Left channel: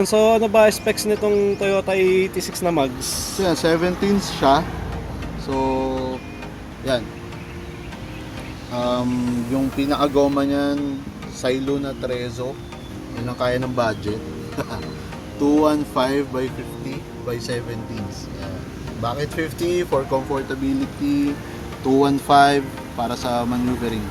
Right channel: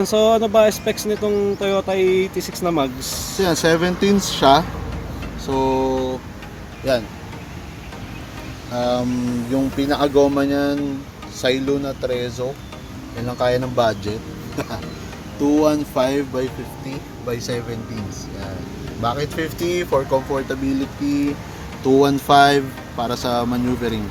So ano ba specs nitong Toyota 86 na Mags? So yan, 17 siya. So, yan. Yung pinakagoma niyan, Silo na Trezzo. Yan lang kaya ng budget. 215 by 50 by 17s. Yan. Bakit 50? For comfortability. 215 para sa maneuvering.